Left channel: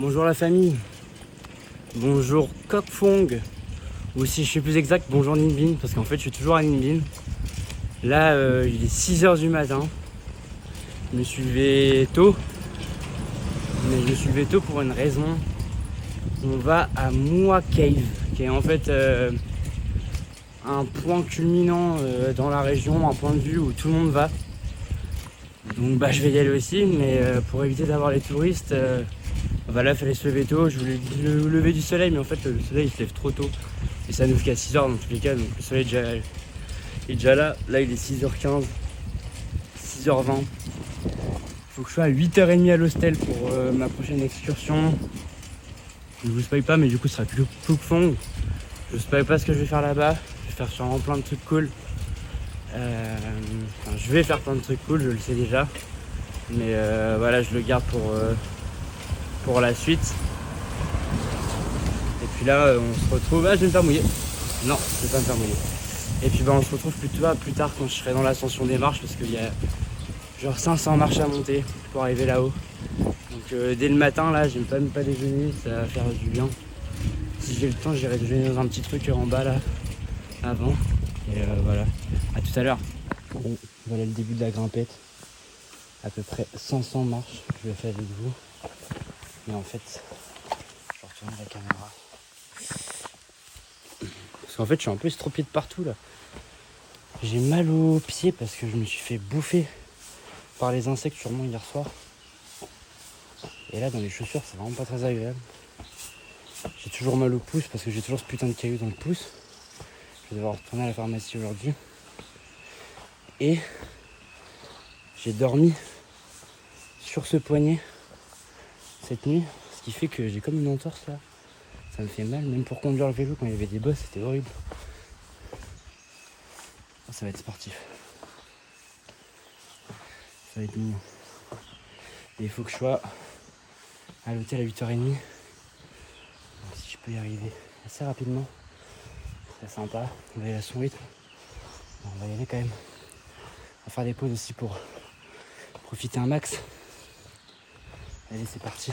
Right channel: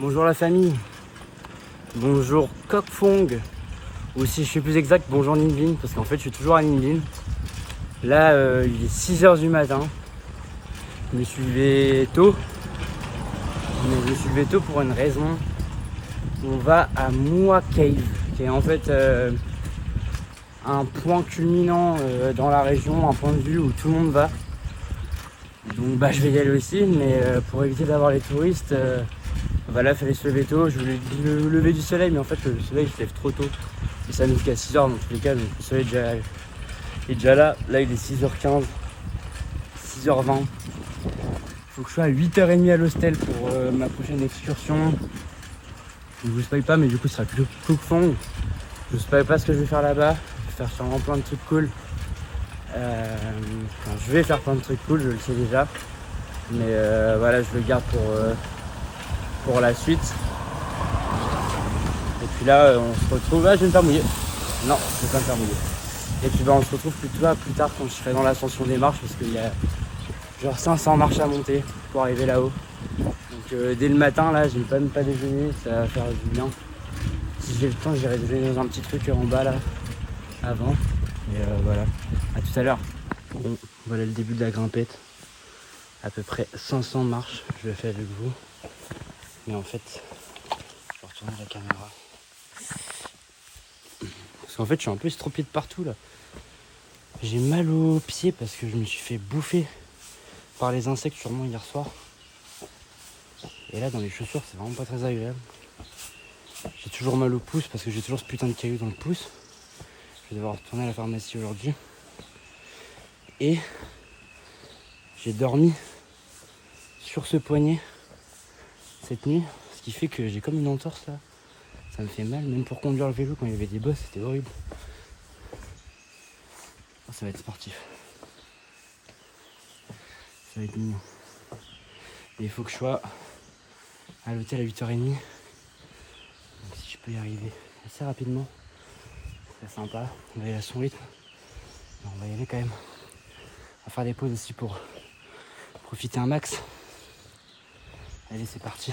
Bonjour la famille, bonjour Kokfong, ou si je suis plus exact, bonjour Ninh, parce qu'en fait je suis toujours à Ninh. Là il est 6h du matin, je me suis levé tôt, mais je me suis levé tôt pour une raison. On va à Mua Cave, qui est en fait un point culminant dans la région, un point de vue où tout le monde va. Donc bah je vais y aller aussi, mais pour éviter d'avoir les touristes, voilà, il fallait se lever tôt. Je voulais le lever du soleil, mais en fait le soleil il se lève trop tôt. Et ça nous fait qu'à 6h dans tous les cas, donc le soleil est déjà là. Là il est 6h15, 6h20. Faut que je sois à 8h30 à l'hostel pour ma prochaine excursion. Je vous spoil pas, mais du coup ce sera Kokfong. Je vous spoil pas ce que je vais faire là-bas. Je vais faire sûrement plein de trucs cool. Je vais faire plein de trucs cool, je le sais déjà. Mais voilà, je le garde pour la suite. Et puis là, on se retrouve... Ah, je vais me faire mouiller. Non, je vais pas me faire mouiller. Et puis bah, on se retrouve plus tard quand je serai dans l'ascension des marches, parce qu'il y a genre 500 marches à monter pour arriver là-haut. Donc dès le matin, là, j'ai même pas déjeuné, ça va faire du bien. Si j'ai le temps, j'irai déjeuner dans un petit truc en bas là, avant. Et voilà, à tout à l'heure. Bon, voilà le début de la grimpette. À peu près 500 marches, je le fais avec vous. Mais en fait, je retourne la caméra. Parce qu'en fait, je suis un peu estropié de partout là. J'ai mal aux pieds parce que je me suis fait bouffer par les insectes sûrement hier soir. Et là, dans les chaussures, c'est vraiment pas très agréable. J'ai toujours mal au pouce parce que j'ai toujours ce putain de caillou dans le pouce. Je vais devoir retourner à la pharmacie aujourd'hui. Et j'ai dormi sur ce poignet cette nuit, ce qui fait que j'ai comme une entorse là. Ça me fait mal, même pour conduire le vélo quand il y avait des bosses, c'était horrible. Oh, ça va être sportif. Ça va être mignon. Et il faut que je sois à l'hôtel à 8h30. Donc si je peux y arriver assez rapidement, c'est sympa. On va y aller à son rythme. On va y aller quand même. On va faire des pauses aussi pour profiter un max. Allez, c'est parti.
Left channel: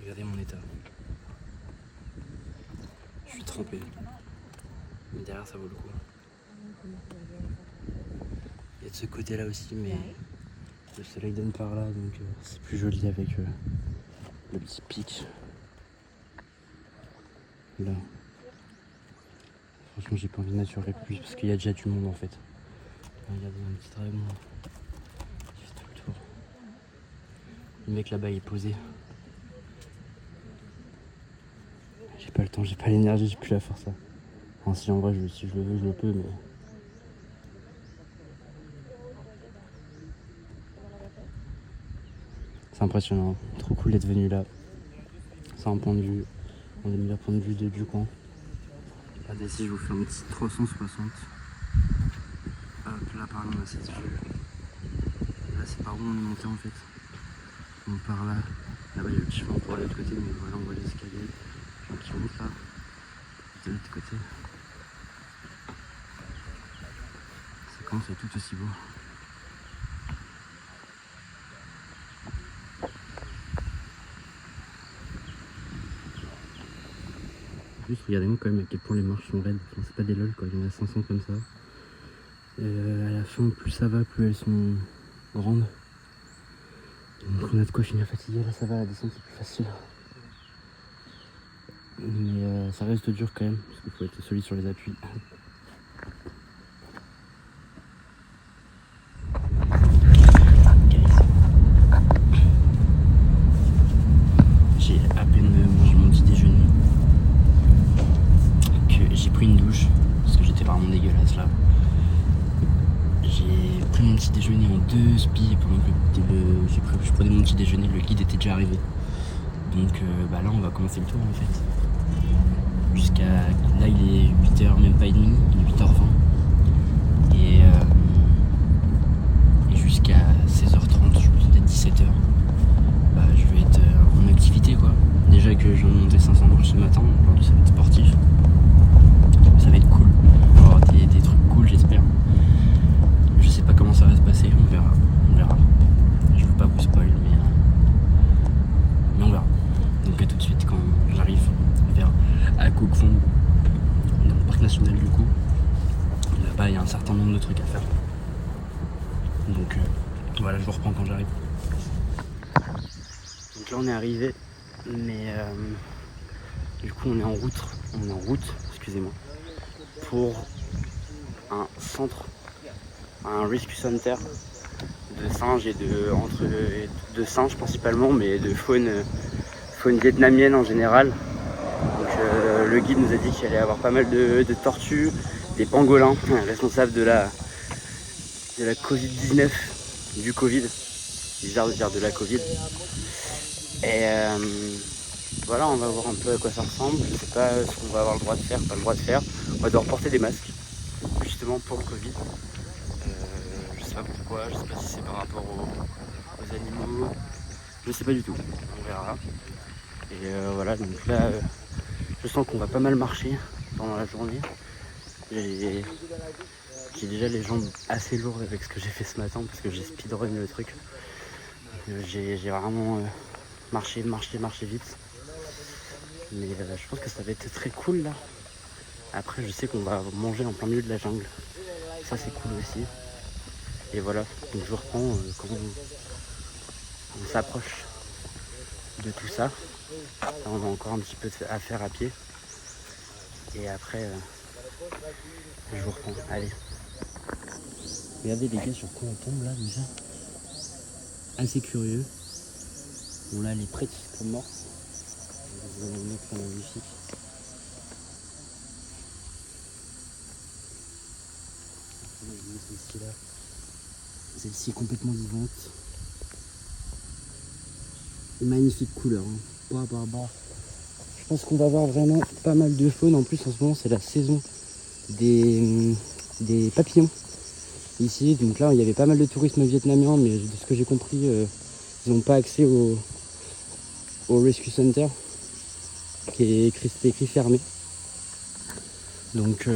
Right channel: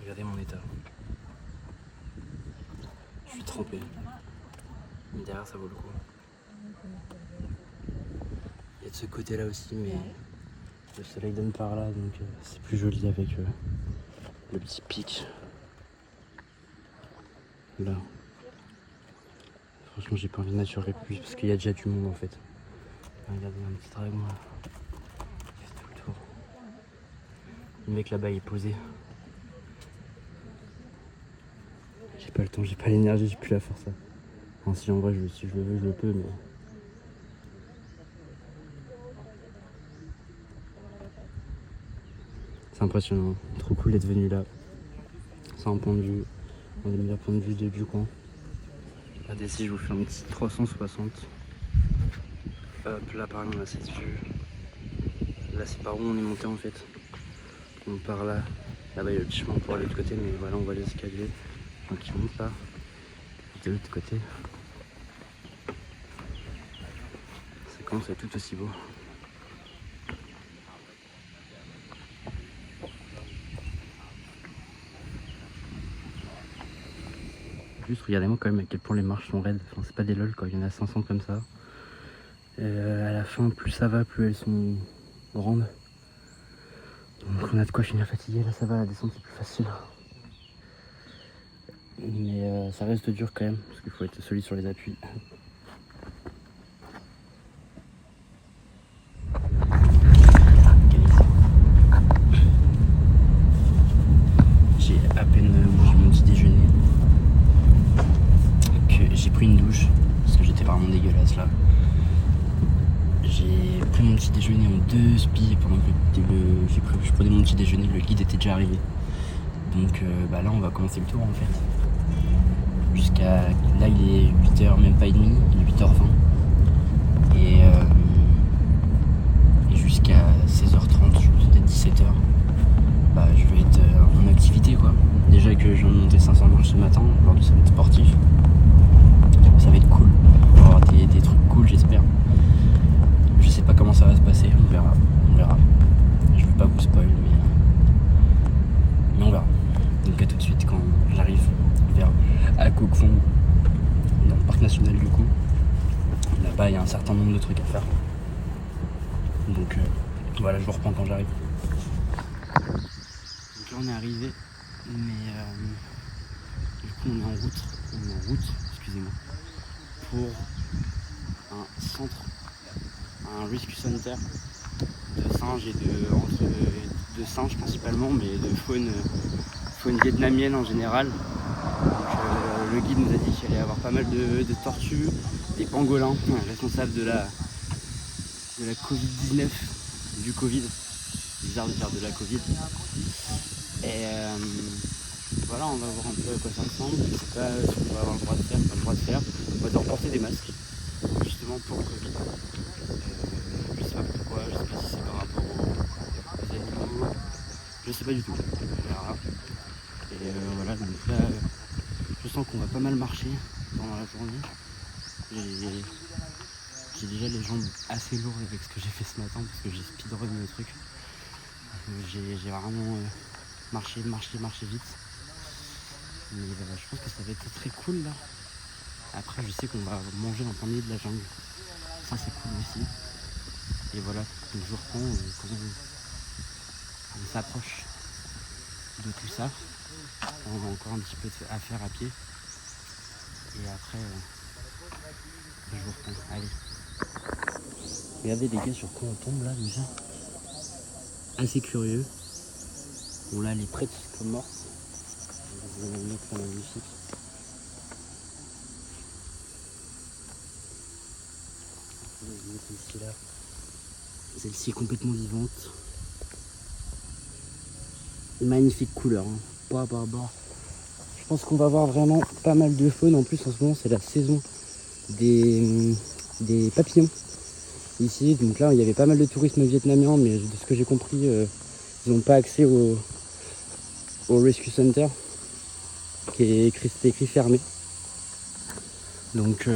Regardez mon état. Je suis trempé. Mais derrière, ça vaut le coup. Il y a de ce côté-là aussi, mais le soleil donne par là, donc c'est plus joli avec le petit pic. Là. Franchement, j'ai pas envie de m'assurer plus parce qu'il y a déjà du monde en fait. Regardez, un petit dragon là. Il fait tout le tour. Le mec là-bas il est posé. J'ai pas le temps, j'ai pas l'énergie, j'ai plus la force là. Enfin, si en vrai, si je le veux, je le peux, mais. C'est impressionnant, trop cool d'être venu là. C'est un point de vue, un des meilleurs points de vue du coin. Regardez ici, je vous fais un petit 360. Hop, là par là on a cette vue. Là c'est par où on est monté en fait. Donc par là, là-bas il y a le petit chemin pour aller de l'autre côté, mais voilà on voit les escaliers. Donc qui montent là. Et de l'autre côté. Ça commence à être tout aussi beau. Juste regardez-moi quand même à quel point les marches sont raides. Enfin, c'est pas des lol quand il y en a 500 comme ça. À la fin, plus ça va, plus elles sont grandes. Donc on a de quoi finir fatigué. Là ça va, la descente c'est plus facile. Mais ça reste dur quand même, parce qu'il faut être solide sur les appuis. J'ai à peine mangé mon petit déjeuner. J'ai pris une douche, parce que j'étais vraiment dégueulasse là. J'ai pris mon petit déjeuner en 2 spies pendant que je prenais mon petit déjeuner, le guide était déjà arrivé. Donc là on va commencer le tour en fait. Jusqu'à là il est 8h, même pas et demi, il est 8h20. Et jusqu'à 16h30, je pense peut-être 17h, je vais être en activité quoi. Déjà que je viens de monter 500 marches ce matin, aujourd'hui ça va être sportif. Ça va être cool, on va avoir des trucs cool j'espère. Je sais pas comment ça va se passer, on verra. Je veux pas vous bah, y a un certain nombre de trucs à faire. Donc voilà, je vous reprends quand j'arrive. Donc là on est arrivé, mais du coup on est en route, excusez-moi, pour un centre, un rescue center de singes et de singes principalement, mais de faune vietnamienne en général. Donc le guide nous a dit qu'il allait y avoir pas mal de tortues, des pangolins, responsables de la Covid-19, du Covid, c'est bizarre de dire de la Covid. Et voilà, on va voir un peu à quoi ça ressemble. Je sais pas ce qu'on va avoir le droit de faire, pas le droit de faire. On va devoir porter des masques, justement pour le Covid. Je sais pas pourquoi, je sais pas si c'est par rapport aux animaux, je sais pas du tout, on verra. Et voilà, donc là, je sens qu'on va pas mal marcher pendant la journée. J'ai déjà les jambes assez lourdes avec ce que j'ai fait ce matin parce que j'ai speedrun le truc. J'ai vraiment marché vite. Mais je pense que ça va être très cool là. Après je sais qu'on va manger en plein milieu de la jungle. Ça c'est cool aussi. Et voilà, donc je reprends quand on s'approche de tout ça. Là, on a encore un petit peu à faire à pied. Et après je vous reprends. Allez. Regardez les gars sur quoi on tombe là déjà. Assez curieux. Bon là elle est prête comme morte. Je vais vous montrer la magnifique. Celle-ci là. Celle-ci est complètement vivante. Une magnifique couleur. Hein. Je pense qu'on va avoir vraiment pas mal de faune. En plus en ce moment c'est la saison des papillons. Ici, donc là il y avait pas mal de tourisme vietnamien, mais de ce que j'ai compris, ils n'ont pas accès au Rescue Center qui est écrit fermé. Donc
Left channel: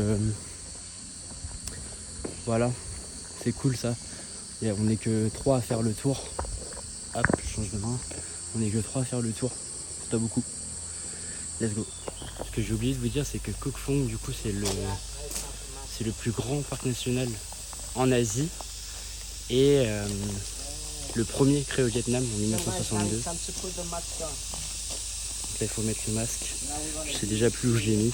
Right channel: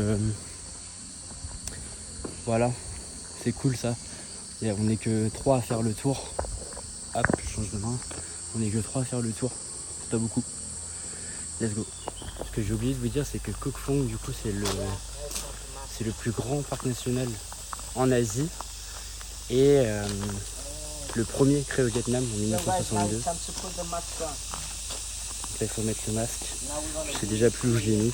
voilà, c'est cool ça. Et on n'est que 3 à faire le tour. Hop, je change de main. On n'est que 3 à faire le tour. C'est pas beaucoup. Let's go. Ce que j'ai oublié de vous dire, c'est que Koh Phi du coup c'est le plus grand parc national en Asie et le premier créé au Vietnam en 1962. Donc là il faut mettre le masque. Je sais déjà plus où je l'ai mis.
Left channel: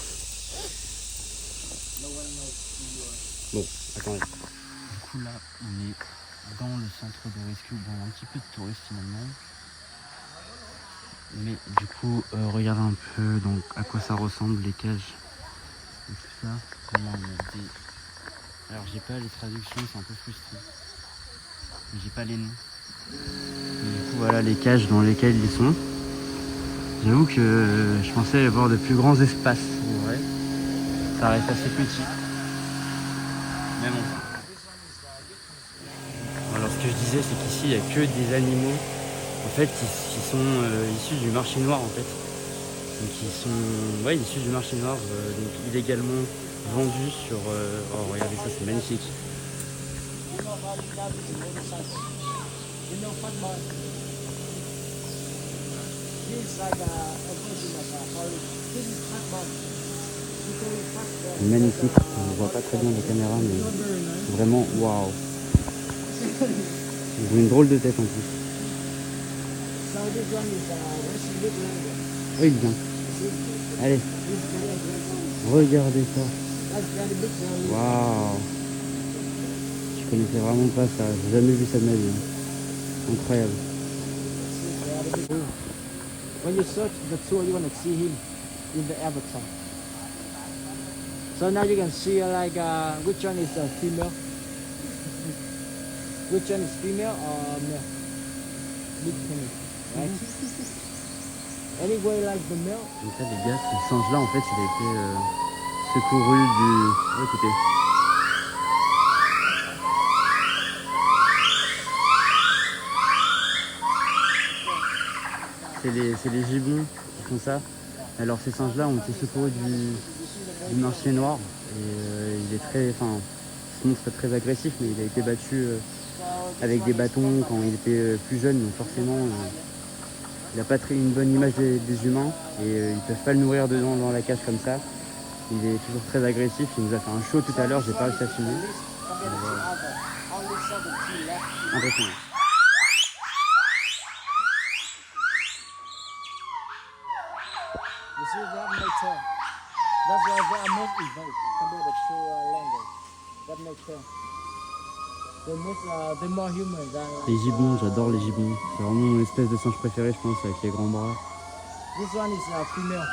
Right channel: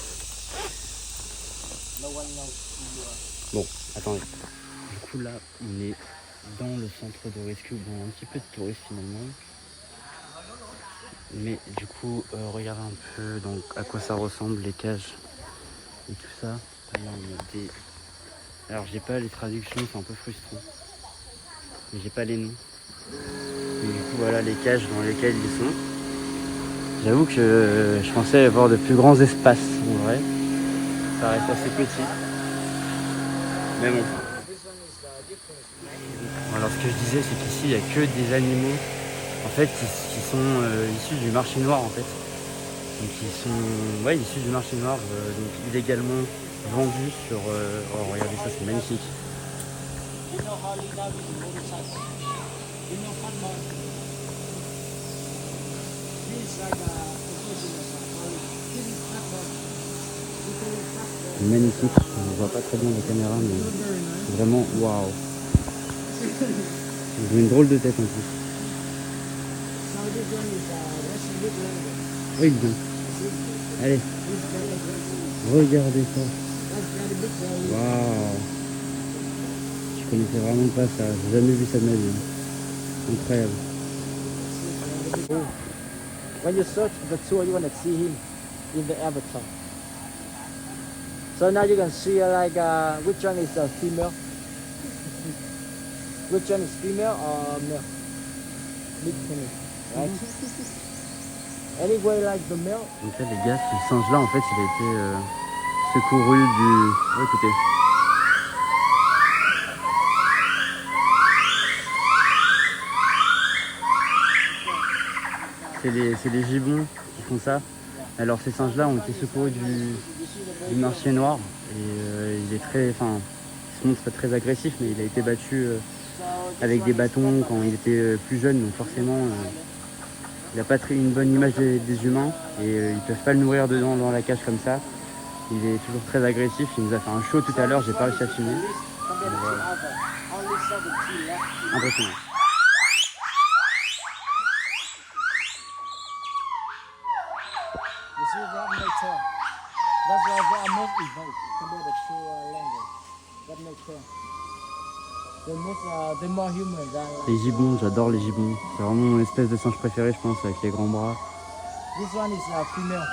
Bon, attendez. Du coup là on est dans le centre de rescue, dans un petit peu de touristes finalement. Mais du coup regardez un peu donc à quoi ça ressemble les cages et tout ça. Alors j'ai pas les traductions, c'est un peu frustrant. J'ai pas les noms. Et du coup voilà les cages dans lesquelles ils sont. J'avoue que je pensais avoir de plus grands espaces en vrai. Ça reste assez petit. Mais bon. Alors ce que je disais c'est qu'ici il n'y a que des animaux en fait qui sont issus du marché noir en fait. Donc ils sont issus du marché noir, donc illégalement vendus sur... oh regardez ça c'est magnifique. Magnifique, on ne voit pas très bien la caméra mais vraiment waouh. Ils ont une drôle de tête en plus. Oui bien. Allez. Regardez ça. Waouh. Je connaissais vraiment pas ça, j'ai jamais vu ça de ma vie. Incroyable. When you search the tour, you want to see him in the avatar. So now you can see like which one is a female, which one is female or male. Big penny, right? Anyway, like the male. Donc là les gars, ce singe là en fait il a été secouru du... Oh, écoutez. C'est les gibbons qui font ça. Alors ces singes là ont été secourus du marché noir et il est très, il se montre très agressif, mais il a été battu avec des bâtons quand il était plus jeune, donc forcément il n'a pas une bonne image des humains et ils peuvent pas le nourrir dedans dans la cage comme ça. Il est toujours très agressif. Il nous a fait un show tout à l'heure. J'ai pas réussi à filmer. Voilà. Impressionnant. You see that nature. That's why they are most evolved compared to language. That nature. They're more human than. Les gibbons, j'adore les gibbons. C'est vraiment mon espèce de singe préféré, je pense, avec les grands bras. This one is female.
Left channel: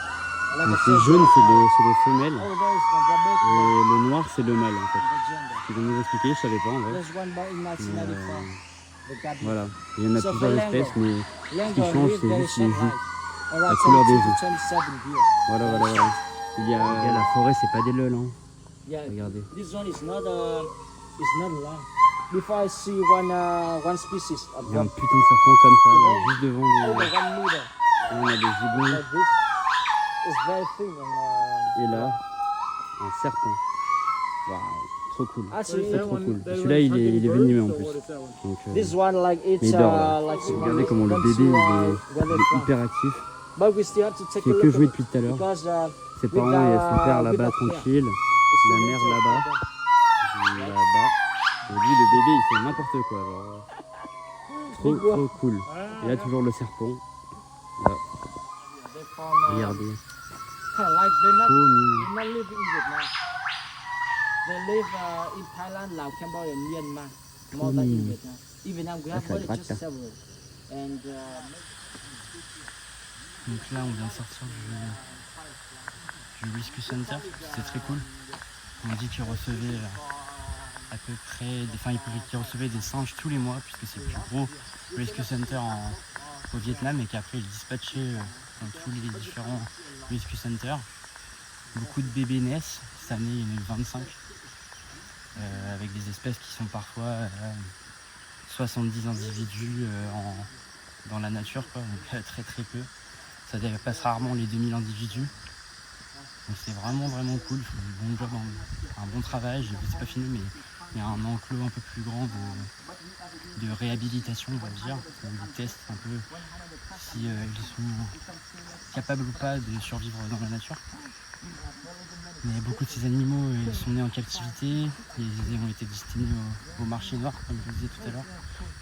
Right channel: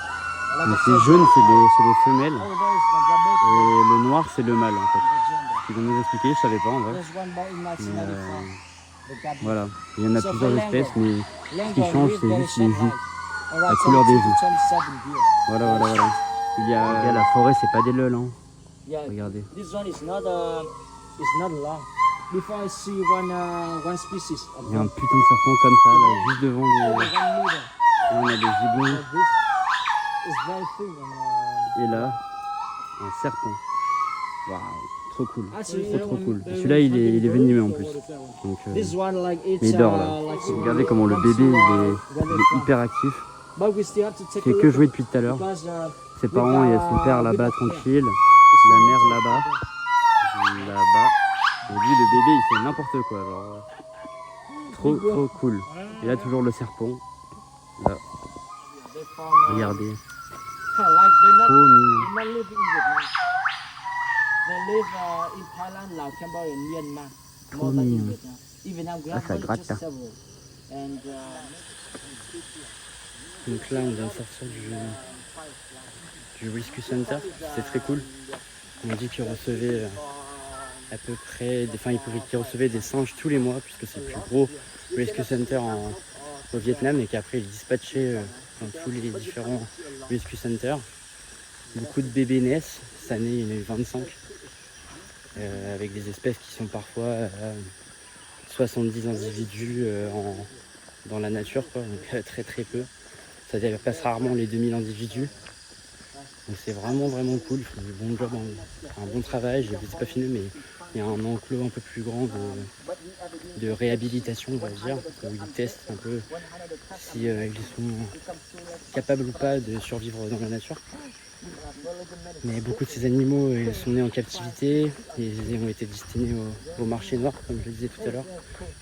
Donc les jaunes, c'est les femelles. Oh, there is the Et le noir, c'est le mâle en fait. gender. Ils vont nous expliquer, je savais pas en vrai. There's one born in 1994. The Gabi. Voilà. Il y en a So for plusieurs espèces, mais Lango qui change, live c'est very juste les short joues. life. Around La couleur des 22 to joues. 27 years. Voilà. Il y a la forêt, c'est pas des lol, hein. Yeah, Regardez. this one is not long. Before I see one species of Il y a un them, putain de serpent comme ça, là, juste devant les... 1 meter. Là, on a des gibbons. Like this is very thin. Et là, un serpent. Waouh, trop cool. Actually, C'est trop cool. Celui-là, il est venimeux en plus. Donc, this one like mais it's il dort là. like Regardez comment le bébé il est hyper actif. But we still have to take Il a fait que look jouer depuis tout à l'heure. because Ses parents, il y a son père là-bas tranquille, la mère là-bas. Et lui, le bébé, il fait n'importe quoi. Genre, trop cool. Et là, toujours le serpent. Là, regardez, like trop mignon. they not live in Vietnam. They live in Thailand, Laos, Cambodia, and Myanmar. More than in Vietnam. In Vietnam, we have ça just gratte, hein. several. And Donc là, on vient de sortir du Rescue Center. C'est très cool. On m'a dit qu'ils recevaient à peu près, qu'ils recevaient des singes tous les mois, puisque c'est le plus gros Rescue Center au Vietnam, et qu'après ils dispatchaient dans tous les différents Rescue Centers. Beaucoup de bébés naissent. Cette année, il y en a eu 25. Avec des espèces qui sont parfois 70 individus dans la nature, quoi. Donc très peu. Ça dépasse rarement les 2000 individus. Donc c'est vraiment cool. Ils font un bon job, un bon travail. Je ne sais pas filmer, mais il y a un enclos un peu plus grand de réhabilitation, on va dire. Où ils testent un peu si ils sont capables ou pas de survivre dans la nature. Mais beaucoup de ces animaux ils sont nés en captivité et ils ont été destinés au marché noir, comme je le disais tout à l'heure.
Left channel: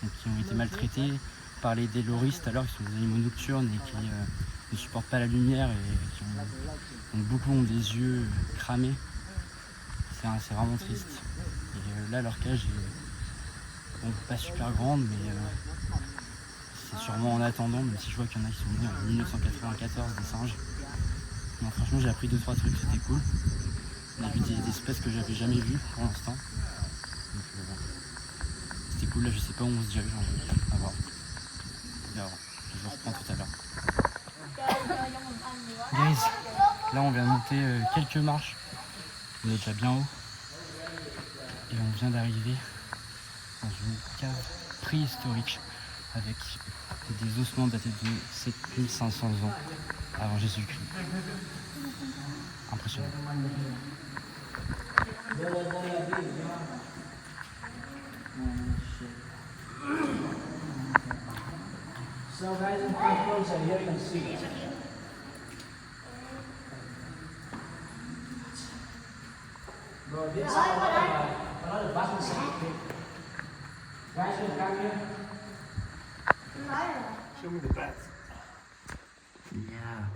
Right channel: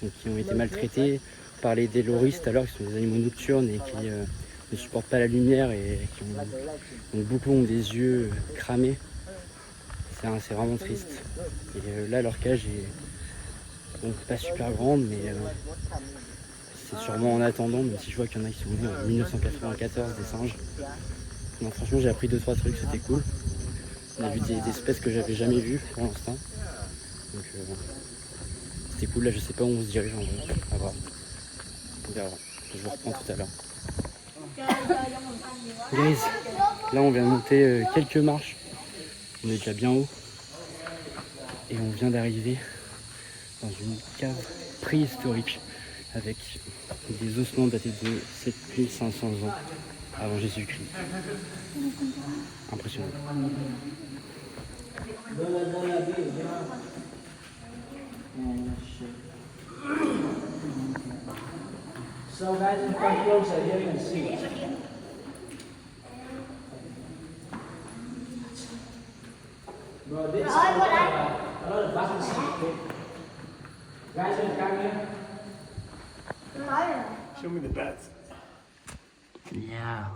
Donc ils ont été maltraités. On parlait des loris tout à l'heure, qui sont des animaux nocturnes et qui ne supportent pas la lumière et beaucoup ont des yeux cramés. C'est vraiment triste. Et là, leur cage est pas super grande, mais c'est sûrement en attendant, même si je vois qu'il y en a qui sont venus en 1994, des singes. Donc franchement, j'ai appris 2-3 trucs, c'était cool. On a vu des espèces que j'avais jamais vues pour l'instant. Donc c'était cool. Là, je sais pas où on se dirige en vrai. À voir. On verra. Je vous reprends tout à l'heure. Guys, là on vient de monter quelques marches. On est déjà bien haut. Et on vient d'arriver dans une cave préhistorique avec des ossements datés de 7500 ans avant Jésus-Christ. Impressionnant. so guys, you come closer here and see. No, this is another button stick. Guys, you come here. Show me the bats. Yeah.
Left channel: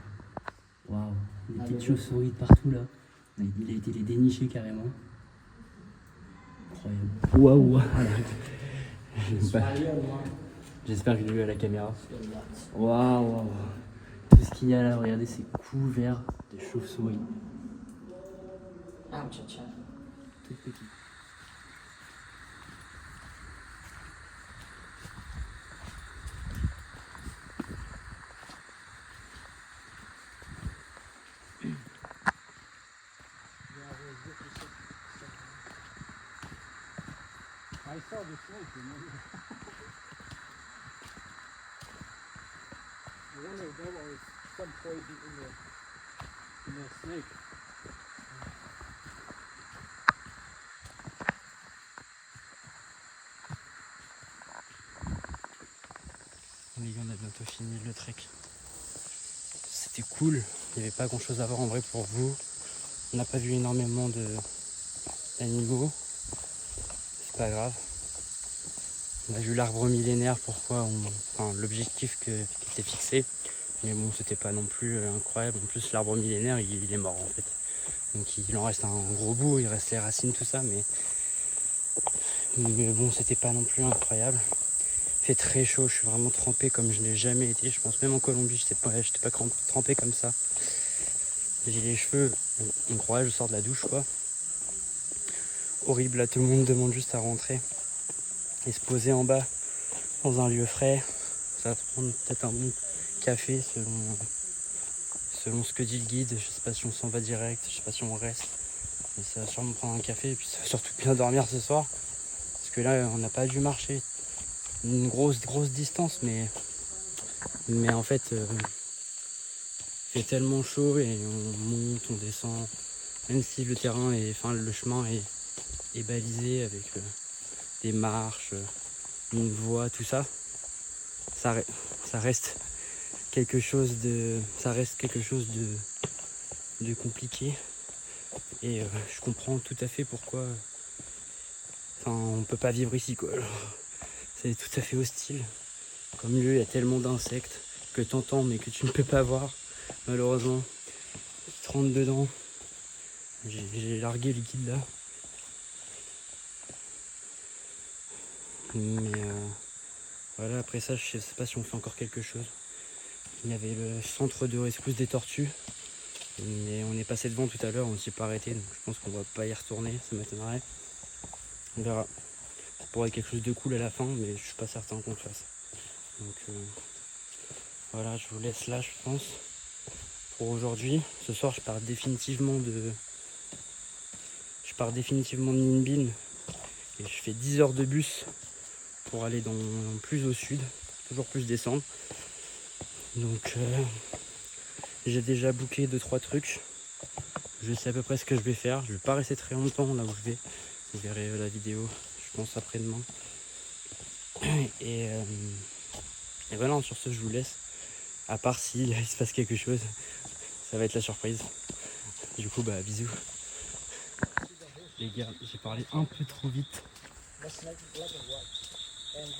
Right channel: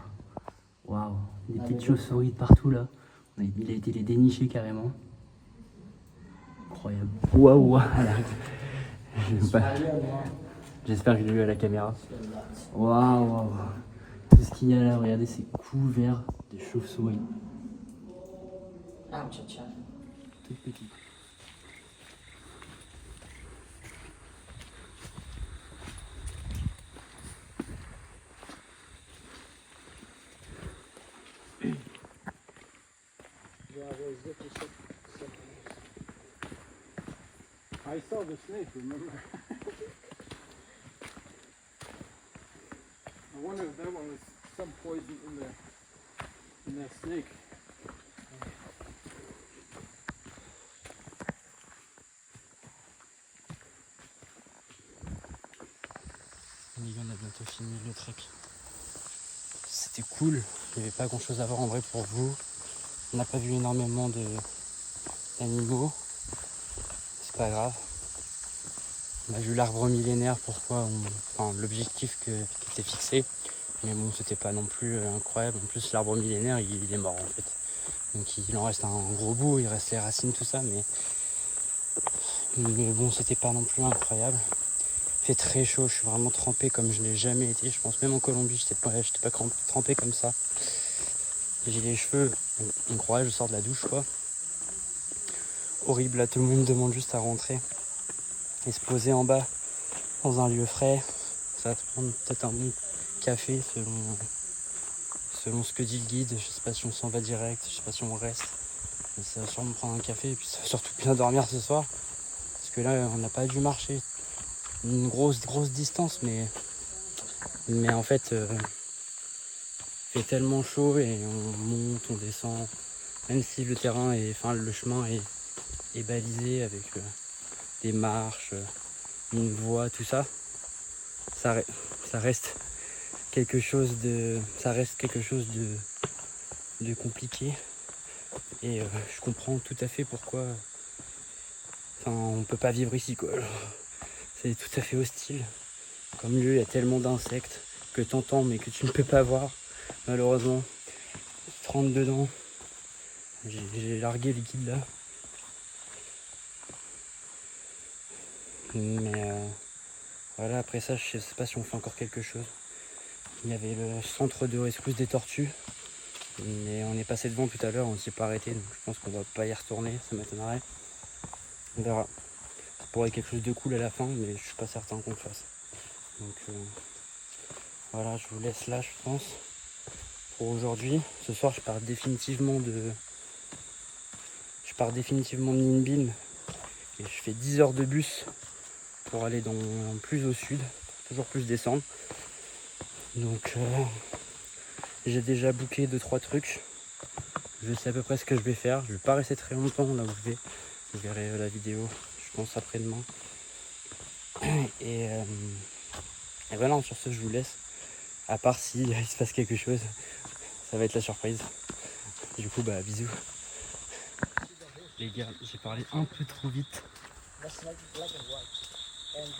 Waouh. Des petites chauves-souris de partout là. Il a été les dénicher carrément. Incroyable. Waouh. J'espère que je l'ai eu à la caméra. Waouh. Tout ce qu'il y a là, regardez, c'est couvert de chauves-souris. Tout petit. I saw the snake, remember? I wonder if there was some poison in that snake. Les gars, on a bientôt fini le trek. C'était cool. Il n'y avait pas grand chose à voir en vrai pour vous. On n'a pas vu énormément d'animaux. C'est pas grave. On a vu l'arbre millénaire, enfin l'objectif qui était fixé. Mais bon, c'était pas non plus incroyable. En plus, l'arbre millénaire, il est mort en fait. Donc il en reste un gros bout, il reste les racines, tout ça. Mais bon, c'était pas non plus incroyable. Il fait très chaud, je suis vraiment trempé comme je n'ai jamais été. Je pense même en Colombie, j'étais pas trempé comme ça. J'ai les cheveux, on croirait je sors de la douche quoi. Horrible, là tout le monde demande juste à rentrer et se poser en bas dans un lieu frais. Ça va se prendre peut-être un bon café selon ce que dit le guide. Je sais pas si on s'en va direct, je sais pas si on reste. Mais ça va sûrement prendre un café et puis ça va surtout bien dormir ce soir. Parce que là on n'a pas dû marcher une grosse distance mais en fait il fait tellement chaud et on monte, on descend. Même si le terrain le chemin est balisé avec des marches, une voie, tout ça, ça reste quelque chose de compliqué. Et je comprends tout à fait pourquoi on peut pas vivre ici quoi. C'est tout à fait hostile. Comme lieu, il y a tellement d'insectes que t'entends mais que tu ne peux pas voir, malheureusement. Tu te rentres dedans. J'ai largué le guide là. Mais voilà, après ça, je sais pas si on fait encore quelque chose. Il y avait le centre de rescousse des tortues. Mais on est passé devant tout à l'heure, on s'y est pas arrêté. Donc je pense qu'on va pas y retourner, ça m'étonnerait. On verra. Ça pourrait être quelque chose de cool à la fin, mais je suis pas certain qu'on le fasse. Donc voilà, je vous laisse là, je pense, pour aujourd'hui. Ce soir, je pars définitivement de Ninh Binh et je fais 10 heures de bus pour aller plus au sud, pour toujours plus descendre. Donc j'ai déjà booké 2-3 trucs. Je sais à peu près ce que je vais faire. Je vais pas rester très longtemps là où je vais. Vous verrez la vidéo, je pense après-demain. Et voilà, sur ce je vous laisse. À part si il se passe quelque chose, ça va être la surprise. Du coup bisous. Les gars, j'ai parlé un peu trop vite.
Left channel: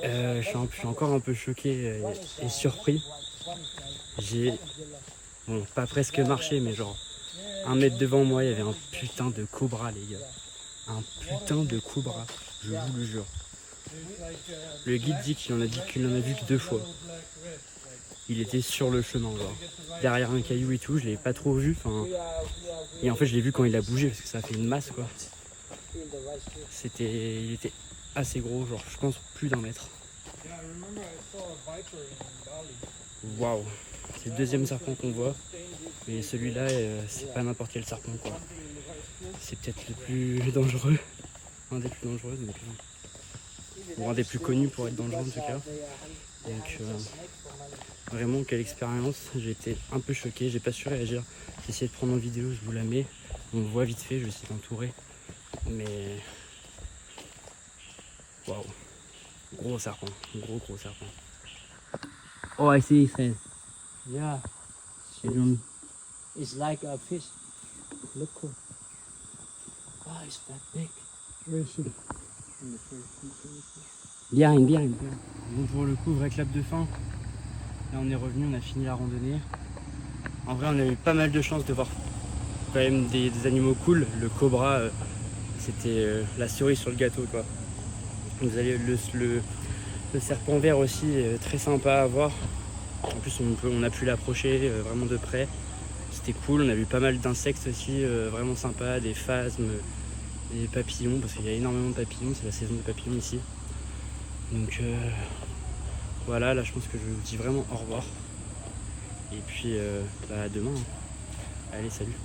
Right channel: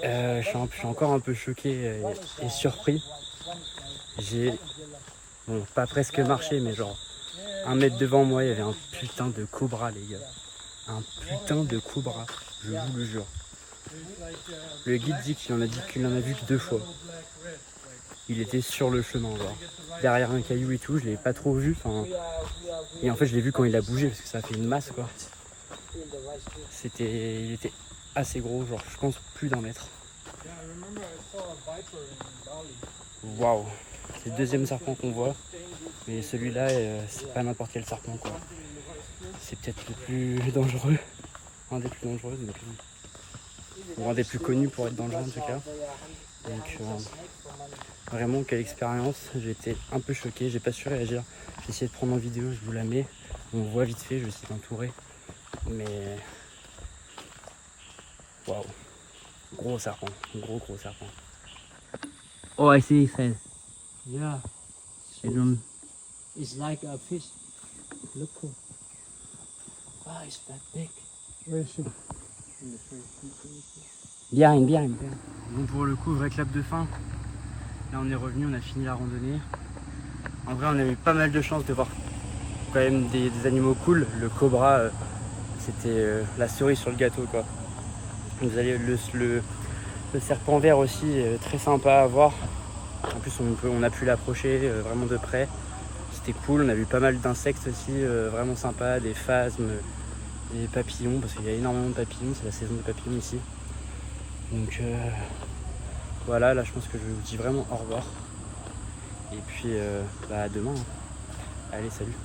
Je suis encore un peu choqué et surpris. J'ai, pas presque marché, mais genre 1 mètre devant moi, il y avait un putain de cobra, les gars. Un putain de cobra, je vous le jure. Le guide dit qu'il en a vu que 2 fois. Il était sur le chemin, genre derrière un caillou et tout, je l'ai pas trop vu. Et en fait, je l'ai vu quand il a bougé parce que ça a fait une masse, quoi. Il était assez gros, genre je pense plus d'1 mètre. Waouh, c'est le 2e serpent qu'on voit, mais celui-là, c'est pas n'importe quel serpent, quoi. C'est peut-être le plus dangereux, un des plus dangereux, donc, ou un des plus connus pour être dangereux en tout cas. Donc vraiment quelle expérience, j'ai été un peu choqué, j'ai pas su réagir. J'ai essayé de prendre en vidéo, je vous la mets, on voit vite fait, je vais essayer d'entourer, mais waouh, gros serpent, gros serpent. Oh, I see his head. Yeah, it's like a fish. Look cool. Ah, it's that big. Bien. Bon, pour le coup, vrai clap de fin. Là, on est revenu, on a fini la randonnée. En vrai, on a eu pas mal de chance de voir quand même des animaux cool. Le cobra, c'était la cerise sur le gâteau, quoi. Vous allez le serpent vert aussi, très sympa à voir. En plus, on a pu l'approcher vraiment de près. C'était cool, on a vu pas mal d'insectes aussi, vraiment sympas, des phasmes, des papillons, parce qu'il y a énormément de papillons, c'est la saison des papillons ici. Donc voilà, là je pense que je vous dis vraiment au revoir. Et puis à demain. Allez, salut.